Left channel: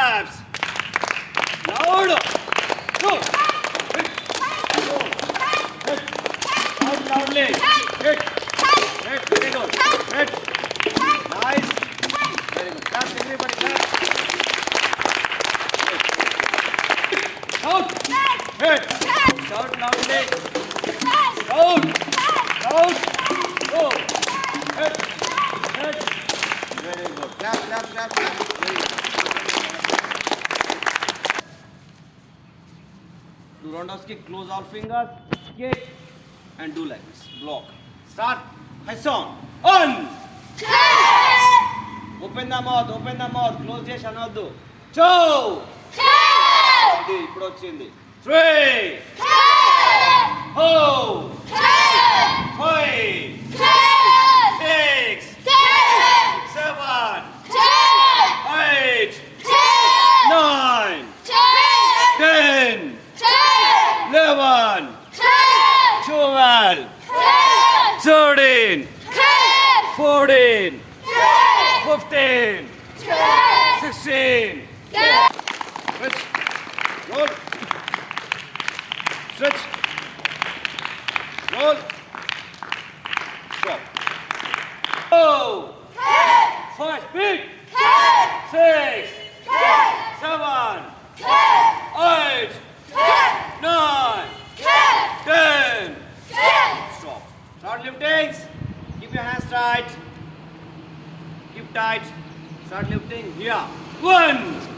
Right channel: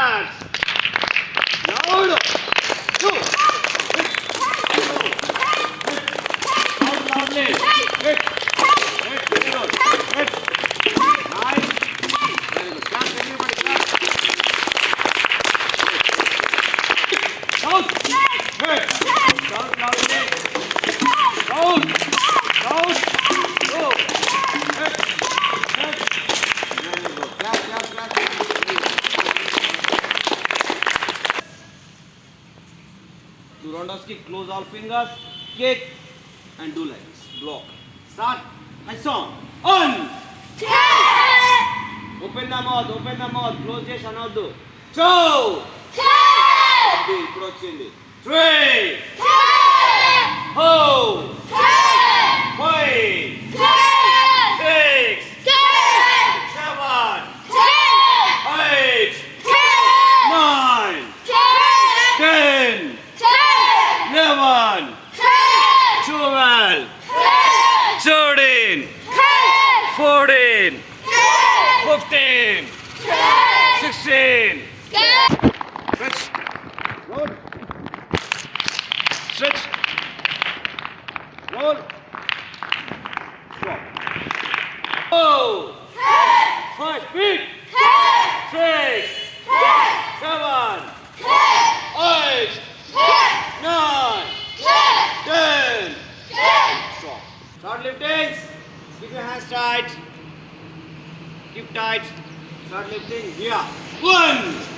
Loud. Go. Go. Loud, loudly. Hit. Hit. Very good. Hit. Nice. Very good. Clap, everybody, clap. Shout. Hit. Shout loudly. Shout. Shout. Go. Hit. Hit. Very good. Clap, clap, clap, clap. Very good. Do Rondowski close all fingers, kick, and do like this. Block. Start. High song. On. Open the mouth, open the mouth. Close చేసి అనవద్దు. Two. ఇది ఇప్పుడు వచ్చింది. Three. Four. Five. Six. One. Six. One. Stop. Oh. Ten. Five. Ten. Six. Ten. Seven. Ten. Eight. Ten. Nine. Ten. Ten. Ten. Stop. Start lifting. Keep your hands tight. Keep tight. Start lifting. Yeah. One.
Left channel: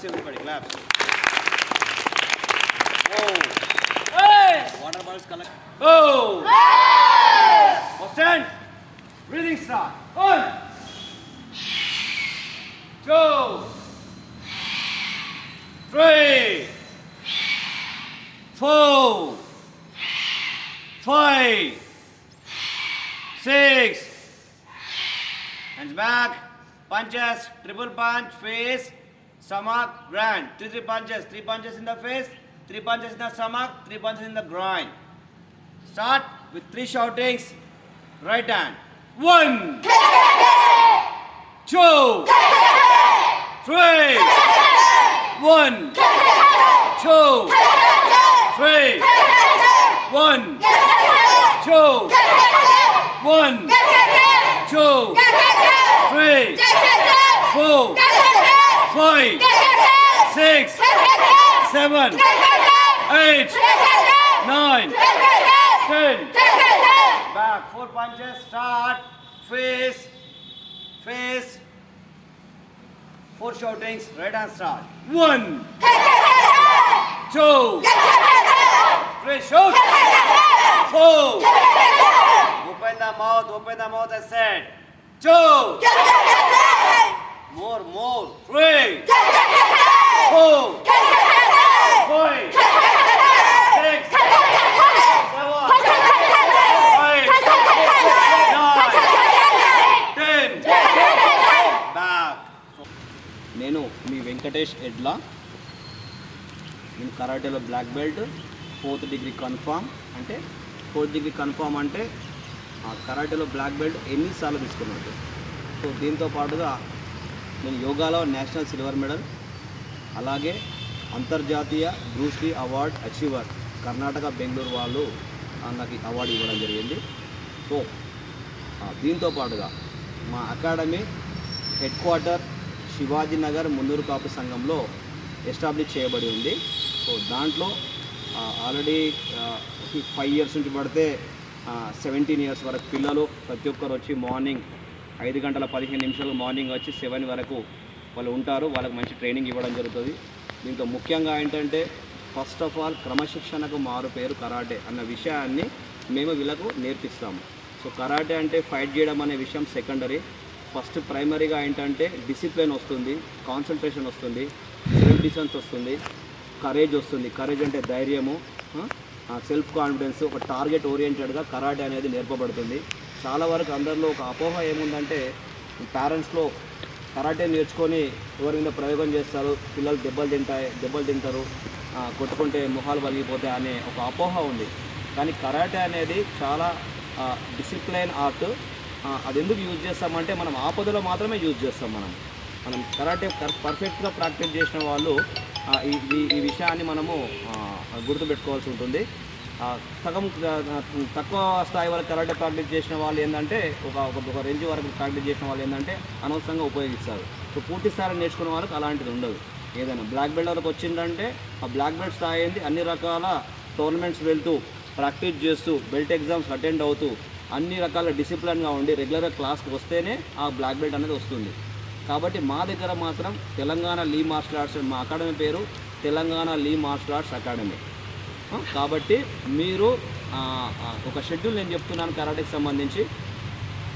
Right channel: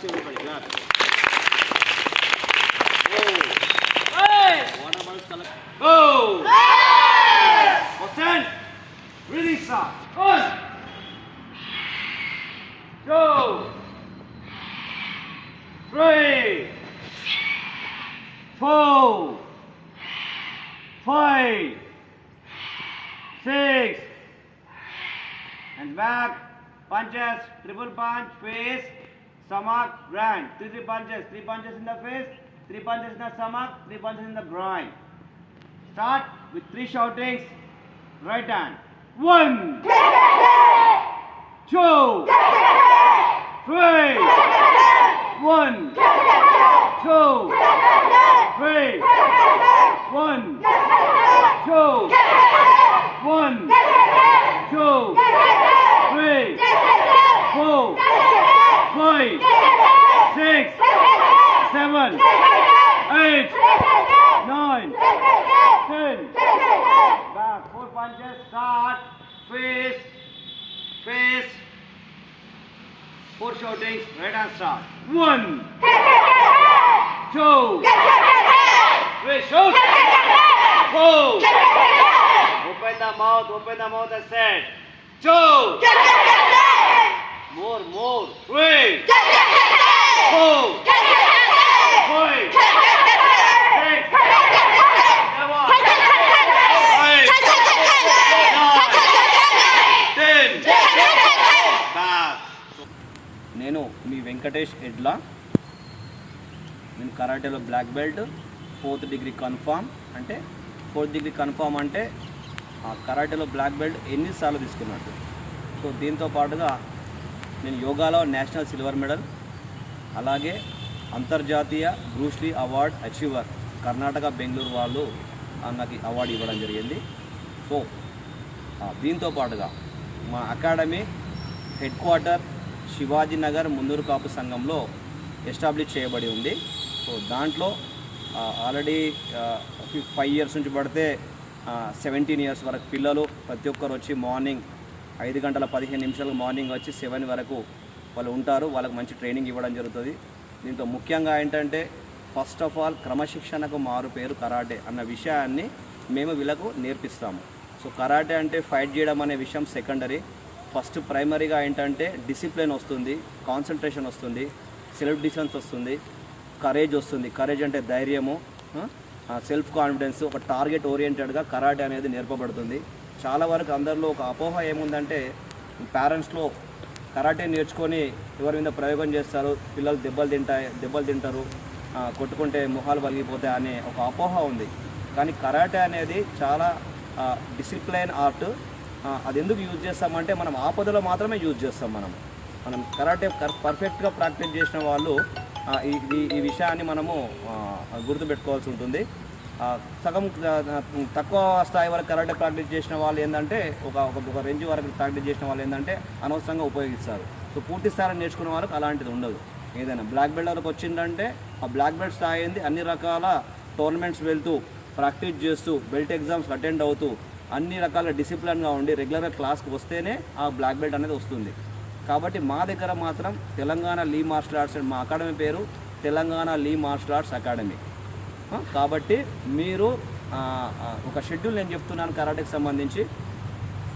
Claps, everybody, claps. Whoa. Water bottles collect. Go. Stand. Breathing start. One. Two. Three. Four. Five. Six. Hands back. Punches. Triple punch. Face. Stomach. Groin. Three, three punches. Three punches in the face. Three punches in the stomach. Three punches in the groin. Start with three shoutings. Right hand. One. Two. Three. One. Two. Three. One. Two. One. Two. Three. Four. Five. Six. Seven. Eight. Nine. Ten. Back. Four punches. Start. Face. Face. Four shoutings. Right hand start. One. Two. Three. Shoot. Four. Open the mouth. Open the mouth. I said. Two. More. More. Three. Four. Five. Six. Seven. Eight. Nine. Ten. Back. నేను మీ వెంకటేష్ ఎడ్లా నేను కరాటేలో black belt fourth degree confirm అంటే fourth degree confirm అంటే ఆ కరాటేలో black belt ఎన్నిసార్లు తీసుకున్నట్టు so దీంతో పాటుగా నేను యోగాలో నేషనల్ సిల్వర్ మెడల్ అలాగే అంతర్జాతీయ Bruce Lee award achiever Karnataka Bengaluru వాళ్ళు ఆ, నాకు అవార్డు ఇవ్వడం జరిగింది. సో దీంతో పాటుగా మా అకాడమీ హెడ్ క్వార్టర్ శివాజీనగర్ ముందూరు కాపు సంఘంలో ఎస్టాబ్లిష్ చేయబడి ఉంది. సో దాంట్లో ఆల్రెడీ ఫైవ్ ఇయర్స్ నుంచి పడితే సెవెంటీన్ ఇయర్స్ వరకు పిల్లలు ప్రతి ఒక్కరు వచ్చి మార్నింగ్ ఐదు గంటల పదిహేను నిమిషాలు మార్నింగ్ వచ్చి సెవెన్ వరకు వాళ్ళు ఉంటారు వాళ్ళకి మంచి ట్రైనింగ్ ఇవ్వడం జరుగుతుంది. దీంతో ముఖ్యంగా ఏంటంటే ఫస్ట్ ఆఫ్ ఆల్ క్రమశిక్షణకు మారు పేరు కరాటే అన్న విషయాన్ని మేము వీళ్ళకు నేర్పిస్తాము. సో కరాటే అంటే ఫైట్ చేయడం అనే విషయం సెకండరీ. ఫస్ట్ ప్రైమరీగా ఏంటంటే డిసిప్లిన్ వస్తుంది కాన్సన్ట్రేషన్ వస్తుంది సెల్ఫ్ డిఫెన్స్ వస్తుంది కరేజ్ వస్తుంది. కరేజ్ అంటే ధైర్యము సెల్ఫ్ కాన్ఫిడెన్స్ ఒక టార్గెట్ ఓరియంటెడ్గా కరాటే అనేది నేర్పబడుతుంది. చాలా వరకు అందరిలో ఒక అపోహ ఏముందంటే పేరెంట్స్లో కరాటే నేర్చుకొని ఎవరి మీద ప్రయోగం చేస్తారు పిల్లలు దెబ్బలు తింటాయి దెబ్బలు తింటారు కొట్టుకుంటే మొహాలు పలిగిపోతాయి అనే ఒక అపోహ ఉంది. కానీ కరాటే అనేది చాలా డిసిప్లైన్ ఆర్ట్ అది ఎందుకు యూజ్ చేస్తామంటే మనం ఆపదలో మాత్రమే యూజ్ చేస్తాం మనం. మనం కరాటే పర్ఫెక్ట్గా ప్రాక్టీస్ చేసిన వాళ్ళు ఈ ఈ- విషయాన్ని మనము గుర్తుపెట్టుకోవాల్సి ఉంటుంది. సగం తక్కువ స్థాయి వరకు కరాటే ప్రాక్టీస్ చేసిన వాళ్ళు ఏంటంటే ఒక ఒక- రేంజ్ వరకు ప్రాక్టీస్ చేసిన వాళ్ళు ఏంటంటే అనవసరంగా ఉపయోగిస్తారు. సో పూర్తి స్థాయిలో నేర్చుకునే వాళ్ళకి అలాంటిది ఉండదు. ఏదైనా బ్లాక్ బెల్ట్ వరకు వచ్చిందంటే ఆ బ్లాక్ బెల్ట్ స్థాయి అయింది అన్ని రకాల టోర్నమెంట్స్ వెళ్తూ ప్రాక్టీస్ చేస్తూ బెల్ట్ ఎగ్జామ్స్ అటెండ్ అవుతూ అన్ని రకాల డిసిప్లిన్గా ఉండి రెగ్యులర్గా క్లాస్కి వస్తేనే ఆ బ్లాక్ బెల్ట్ అనేది వస్తుంది. కాబట్టి మా దగ్గర మాత్రం తెలంగాణ లీ మార్షల్ ఆర్ట్స్ మా అకాడమీ పేరు Telangana Lee martial arts academy. కాబట్టి మీరు ఒక షెడ్యూల్ నేను చెప్తున్నాను కరాటేకి సంబంధించి.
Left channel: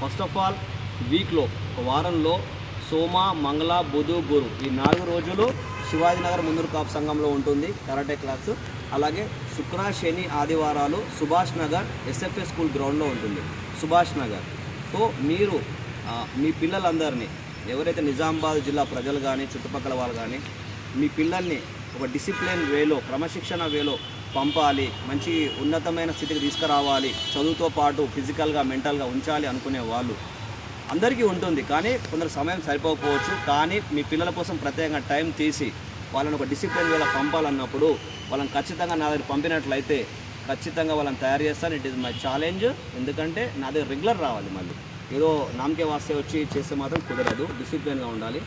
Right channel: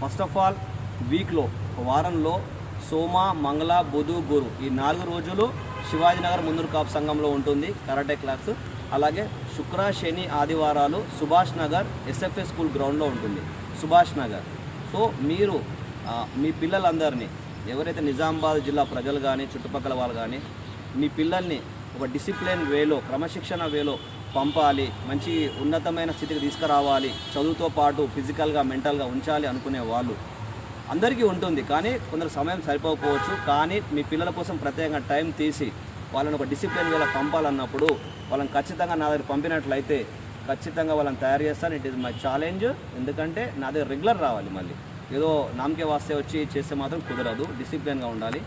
ఫస్ట్ ఆఫ్ ఆల్ వీక్లో ఒక వారంలో సోమ మంగళ బుధు గురు ఈ నాలుగు రోజులు శివాజీనగర్ ముందూరు కాపు సంఘంలో ఉంటుంది కరాటే క్లాస్. అలాగే శుక్ర శని ఆదివారాలు సుభాష్ నగర్ ఎస్ఎఫ్ఏ స్కూల్ గ్రౌండ్లో ఉంటుంది. సుభాష్ నగర్. సో మీరు మీ పిల్లలందరినీ ఎవరైతే నిజామాబాద్ జిల్లా ప్రజలు కానీ చుట్టుపక్కల వాళ్ళు కానీ మీ పిల్లల్ని ఒక డిసిప్లిన్ వేలో క్రమశిక్షణ వేలో పంపాలి మంచి ఉన్నతమైన స్థితికి తీసుకురావాలి చదువుతో పాటు ఫిజికల్గా మెంటల్గా ఉంచాలి అనుకునే వాళ్ళు అందరికీ ఉంటుంది. కానీ కొందరు సమయం సరిపోకపోవచ్చు. కానీ మీ పిల్లల కోసం ప్రత్యేకంగా టైం తీసి వాళ్ళని ఒక డిసిప్లిన్ వేళ పంపాలన్నప్పుడు వాళ్ళని ఖచ్చితంగా నా దగ్గర పంపినట్లయితే ఖచ్చితంగా వాళ్ళని తయారు చేస్తాను. It is my challenge. ఎందుకంటే నా దగ్గర రెగ్యులర్ రావాలి మళ్ళీ. ఏదో నామకే వాస్తే వచ్చి చేస్తే మాత్రం కుదరదు. డిసిప్లిన్గా ఉండాలి.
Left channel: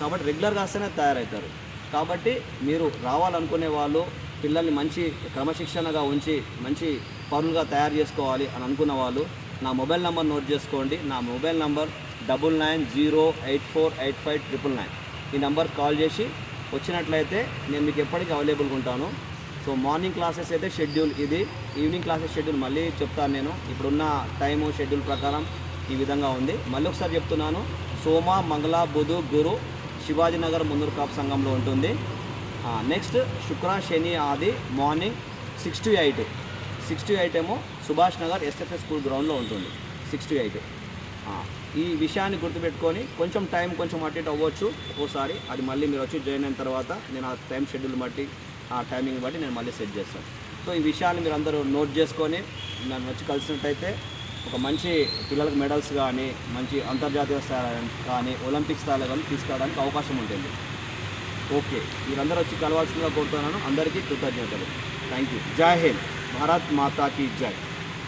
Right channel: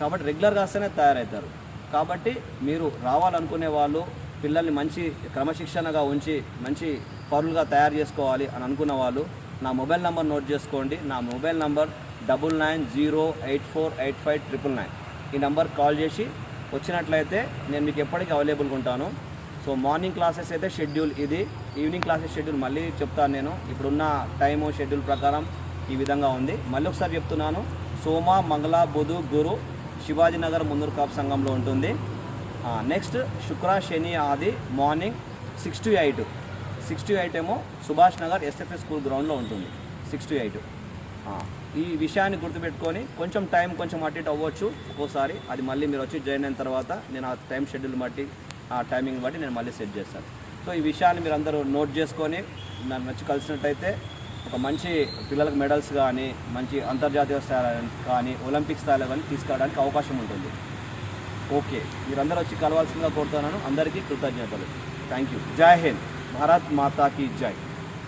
కాబట్టి రెగ్యులర్గా వస్తేనే తయారవుతారు. కాబట్టి మీరు రావాలనుకునే వాళ్ళు పిల్లల్ని మంచి క్రమశిక్షణగా ఉంచి మంచి పరులుగా తయారు చేసుకోవాలి అని అనుకున్న వాళ్ళు నా మొబైల్ నెంబర్ నోట్ చేసుకోండి. నా mobile number double nine zero eight four eight five triple nine. ఈ నెంబర్ కాల్ చేసి వచ్చినట్లయితే నేను మీకు ఎప్పటికీ అవైలబుల్గా ఉంటాను. సో మార్నింగ్ క్లాసెస్ అయితే షెడ్యూల్ ఇది. ఈవినింగ్ క్లాసెస్ షెడ్యూల్ మళ్ళీ చెప్తాను నేను. ఇప్పుడున్న టైము షెడ్యూల్ ప్రకారం ఈ విధంగా ఉంది. మళ్ళీ ఒకసారి చెప్తున్నాను. సోమ మంగళ బుధు గురు శివాజీనగర్ ముందూరు కాపు సంఘంలో ఉంటుంది. నెక్స్ట్ శుక్ర శని ఆది morning six to eight six to eight ఏమో సుభాష్ నగర్ ఎస్ఎఫ్ఎస్ స్కూల్ గ్రౌండ్లో ఉంటుంది. సిక్స్ టు ఎయిట్ ఈ విషయాన్ని గుర్తుపెట్టుకొని కొంచెం టైం కొంచెం అటు ఇటు అవ్వచ్చు. ఒక్కోసారి అది మళ్ళీ మీరు వచ్చి జాయిన్ అయిన తర్వాత నేను ఆ టైం షెడ్యూల్ బట్టి ఆ టైమింగ్ బట్టి నేను మళ్ళీ సెట్ చేస్తాను. సో ఈ విషయాన్ని మీరు అందరూ నోట్ చేసుకొని నన్ను వచ్చి కలిసినట్టయితే ఒక మంచి పిల్లలకు మెడల్స్ కానీ మంచి అంతర్జాతీయ స్థాయి కానీ ఒలింపిక్ స్థాయిలో కానీ తీసుకురావడానికి అవకాశం ఉంటుంది. ఓకే. మీరందరూ వచ్చి కలవాల్సిందిగా కోరుతున్నాను. అందరికీ కృతజ్ఞతలు. థ్యాంక్ యూ జై హింద్. భారత్ మాతాకి జై.